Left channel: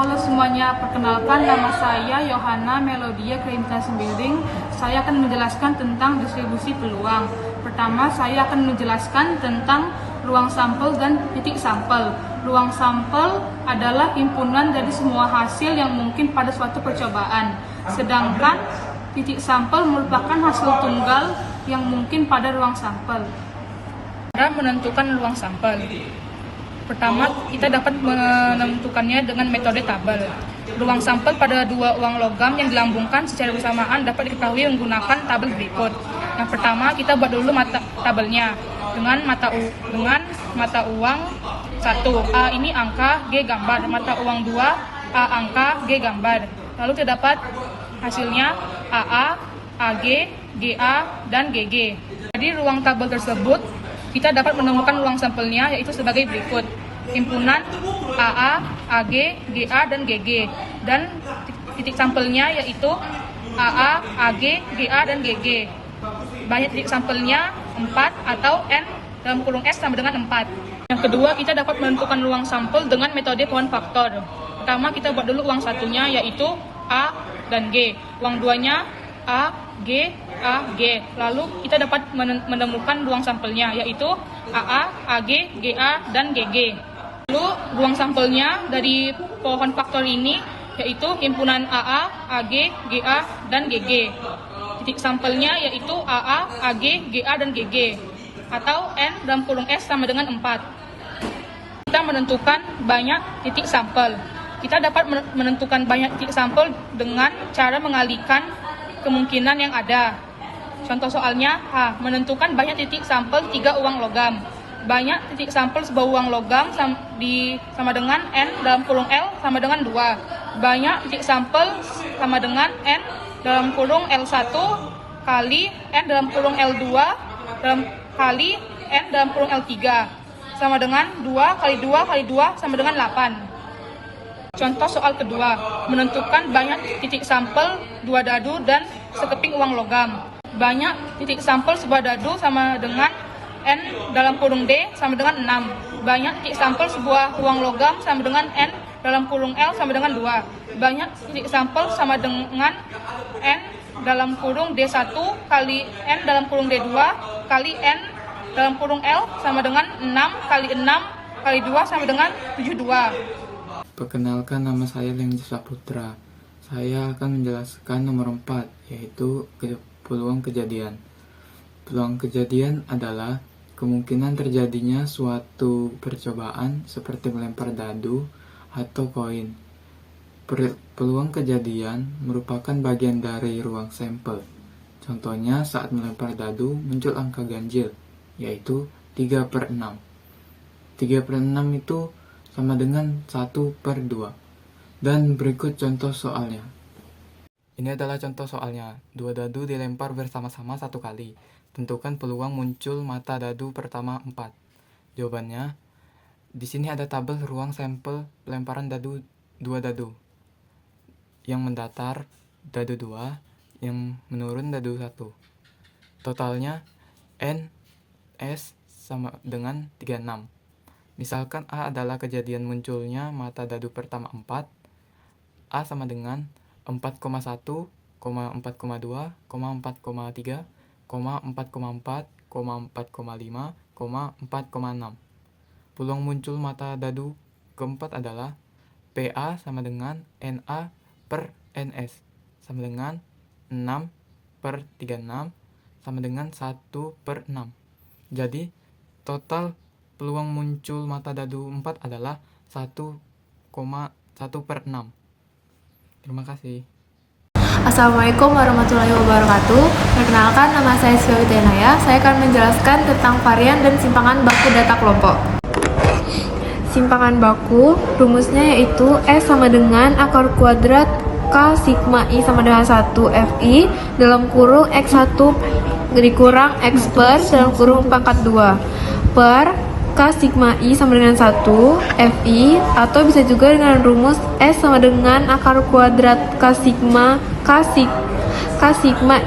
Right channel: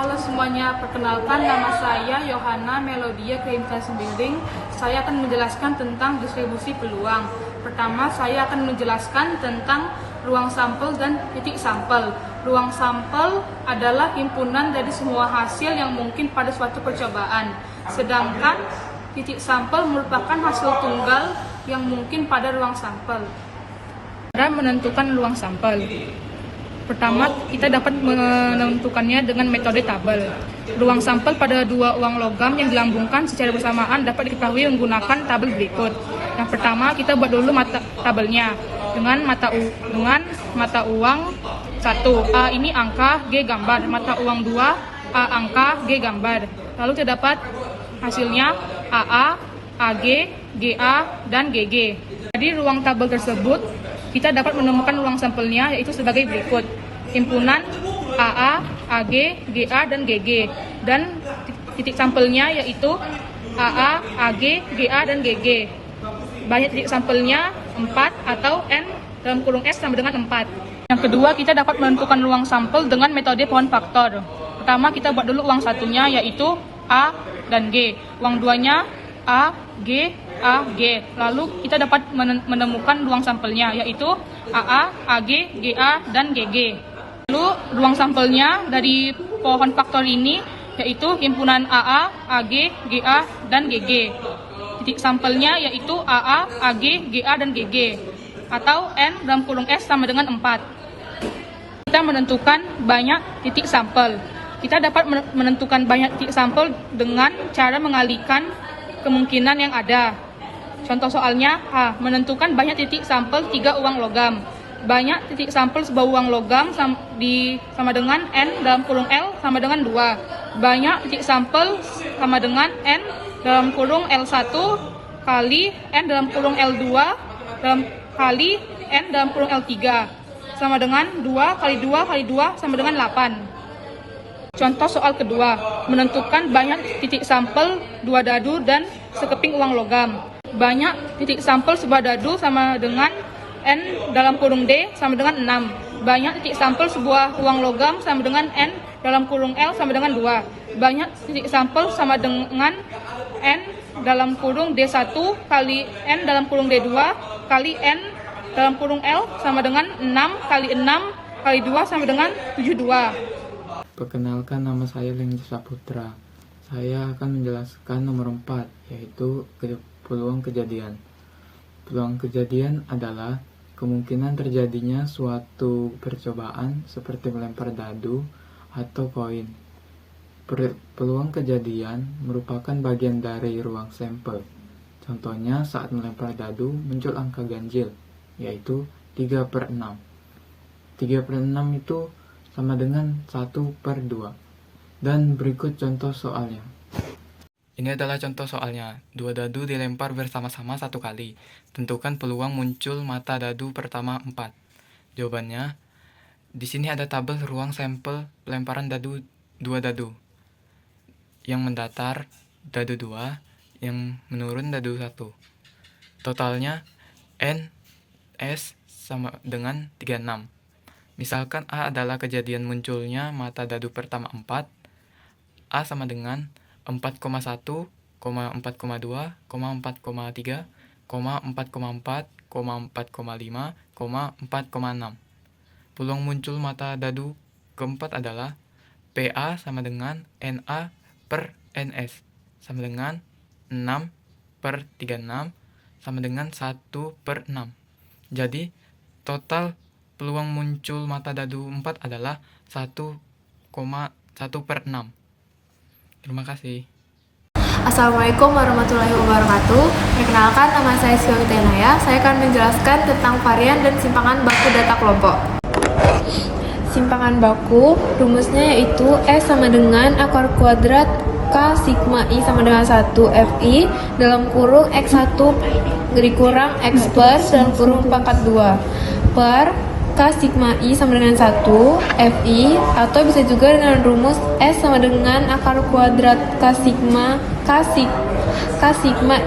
Halo semuanya, perkenalkan nama saya Yohana Melodia Keimkan Sembiring. Saya akan menjelaskan tentang distribusi peluang. Pertama, saya akan menjelaskan tentang ruang sampel dan titik sampel. Ruang sampel adalah himpunan dari semua hasil yang mungkin pada suatu percobaan. Sedangkan titik sampel merupakan hasil tunggal yang mungkin pada ruang sampel. Cara menentukan ruang sampel. Pertama, kita dapat menentukannya dengan metode tabel. Ruang sampel pada dua uang logam yang dilambungkan secara bersamaan dapat diketahui menggunakan tabel berikut. Yang pertama, kita buat dulu tabelnya dengan mata uang 1, A ini angka, G gambar. Mata uang 2, A angka, G gambar. Lalu kita dapat hasilnya AA, AG, GA, dan GG. Jadi ruang tabel tersebut kita dapat menemukan ruang sampelnya yaitu sebagai berikut. Himpunan AA, AG, GA, dan GG. Dan titik sampelnya yaitu AA, AG, GA, dan GG. Banyak titik sampelnya 4 atau N dalam kurung S sama dengan 4. Yang kedua, kita dapat menentukan ruang sampel dengan metode pohon faktor. Pertama, kita buat dulu uang satunya yaitu A dan G. Uang duanya A, G, A, G. Lalu kita dapat menemukan ruang sampelnya yaitu AA, AG, GA, dan GG. Lalu ruang sampelnya dari pohon faktor ini yaitu himpunan AA, AG, GA, dan GG. Titik sampelnya yaitu AA, AG, GA, dan GG. Atau N dalam kurung S sama dengan 4. Kita menentukan banyak titik sampel. Kita dapat menentukan banyak titik sampel dengan cara mengalihkan kemungkinan yang ada. Contoh soalnya, menentukan banyak titik sampel 3 uang logam. Banyak titik sampel sebuah uang logam sama dengan N dalam kurung L sama dengan 2. Banyak titik sampel sama dengan N dalam kurung L1 kali N dalam kurung L2 kali N dalam kurung L3 sama dengan 2 kali 2 kali 2 sama dengan 8. Contoh soal kedua, menentukan banyak titik sampel 2 dadu dan sekeping uang logam. Banyak titik sampel sebuah dadu sama dengan N dalam kurung D sama dengan 6. Banyak titik sampel sebuah uang logam sama dengan N dalam kurung L sama dengan 2. Banyak titik sampel sama dengan N dalam kurung D1 kali N dalam kurung D2 kali N dalam kurung L sama dengan 6 kali 6 kali 2 sama dengan 72. Perkenalkan, nama saya Lengji Saputra. Saya akan menjelaskan nomor 4, yaitu peluang kejadian. Peluang kejadian adalah kemungkinan terjadinya suatu percobaan seperti melempar dadu atau koin. Peluang kejadian merupakan bagian dari ruang sampel. Contohnya saat melempar dadu muncul angka ganjil, yaitu 3/6. 3/6 itu sama dengan 1/2. Dan berikut contoh soalnya. Ini adalah contoh soalnya. 2 dadu dilempar bersama-sama 1 kali. Tentukan peluang muncul mata dadu pertama 4. Jawabannya, di sini ada tabel ruang sampel pelemparan 2 dadu. Yang mendatar dadu 2, yang menurun dadu 1. Totalnya N, S sama dengan 36. Misalkan A adalah kejadian munculnya mata dadu pertama 4, A sama dengan 4,1, 4,2, 4,3, 4,4, 4,5, 4,6. Peluang muncul mata dadu keempat adalah PA sama dengan NA per NS sama dengan 6/36 sama dengan 1/6. Jadi total peluang muncul mata dadu 4 adalah 1,1/6. Terima kasih. Assalamualaikum warahmatullahi wabarakatuh. Perkenalkan, nama saya Sylvia Tenaya. Saya akan menjelaskan tentang varian dan simpangan baku data kelompok. Simpangan baku, rumusnya yaitu S sama dengan akar kuadrat K sigma I sama dengan 1 FI dalam kurung X1 dikurang X plus dalam kurung pangkat 2 per K sigma I sama dengan 1 FI, atau bisa juga dengan rumus S sama dengan akar kuadrat K sigma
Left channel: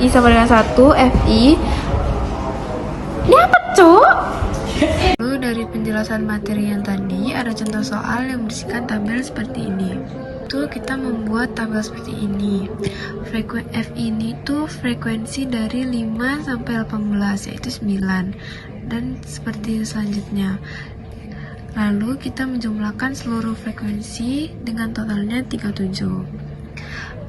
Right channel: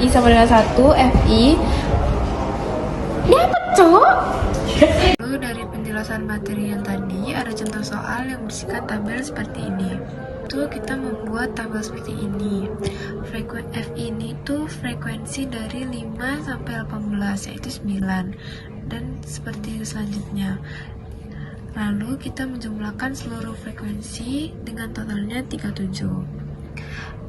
I sama dengan 1 FI. Ini apa cuk? Lalu dari penjelasan materi yang tadi, ada contoh soal yang berisikan tabel seperti ini. itu kita membuat tabel seperti ini. F ini tuh frekuensi dari 5 sampai 18, yaitu 9. Dan seperti selanjutnya. Lalu kita menjumlahkan seluruh frekuensi dengan totalnya 37.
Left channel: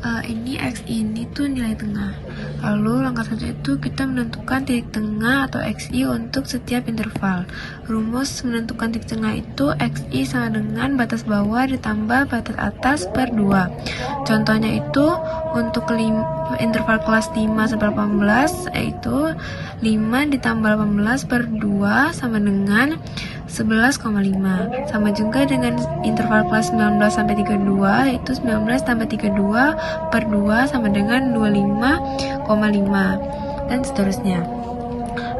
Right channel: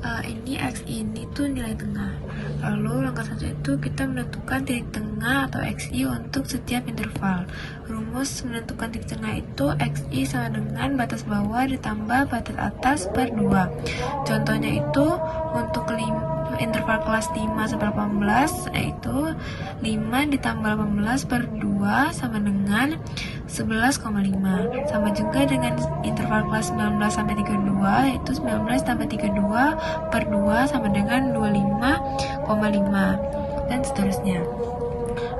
Ini X ini tuh nilai tengah. Lalu langkah selanjutnya itu kita menentukan titik tengah atau XI untuk setiap interval. Rumus menentukan titik tengah itu XI sama dengan batas bawah ditambah batas atas per 2. Contohnya itu untuk interval kelas 5 sampai 18 yaitu 5 ditambah 18 per 2 sama dengan 11,5. Sama juga dengan interval kelas 19 sampai 32 yaitu 19 tambah 32 per 2 sama dengan 25,5 dan seterusnya.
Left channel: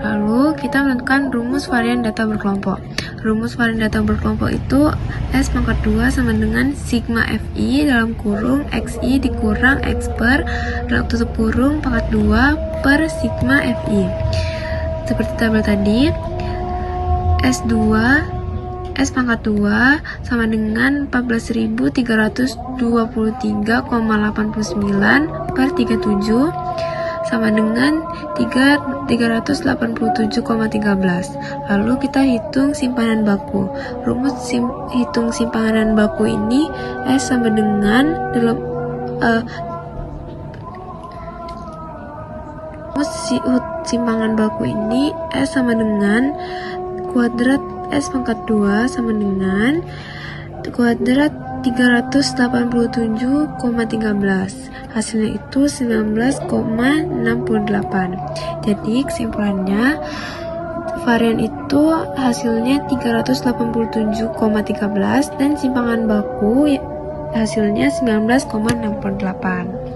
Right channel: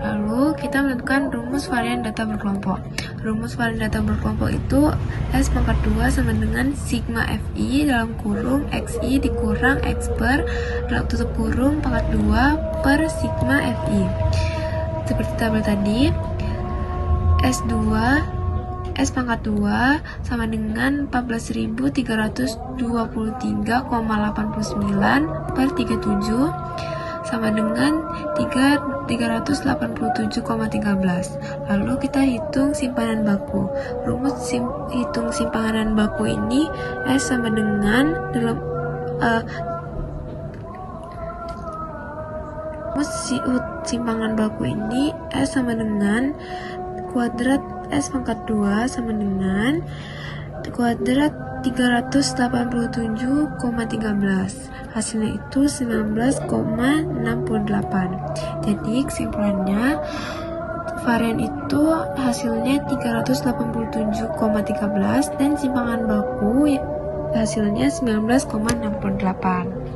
Lalu kita menentukan rumus varian data berkelompok. Rumus varian data berkelompok itu S pangkat 2 sama dengan sigma FI dalam kurung XI dikurang X per dalam tutup kurung pangkat 2 per sigma FI. Seperti tabel tadi, S pangkat 2 sama dengan 14.323,89 per 37 sama dengan 387,13. Lalu kita hitung simpanan baku. Rumus hitung simpanan baku ini S sama dengan rumus simpanan baku ini S sama dengan kuadrat S pangkat 2 sama dengan kuadrat 387,13. Hasilnya itu 19,68. Jadi kesimpulannya varian itu hasilnya 387,13 dan simpangan baku hasilnya 19,68.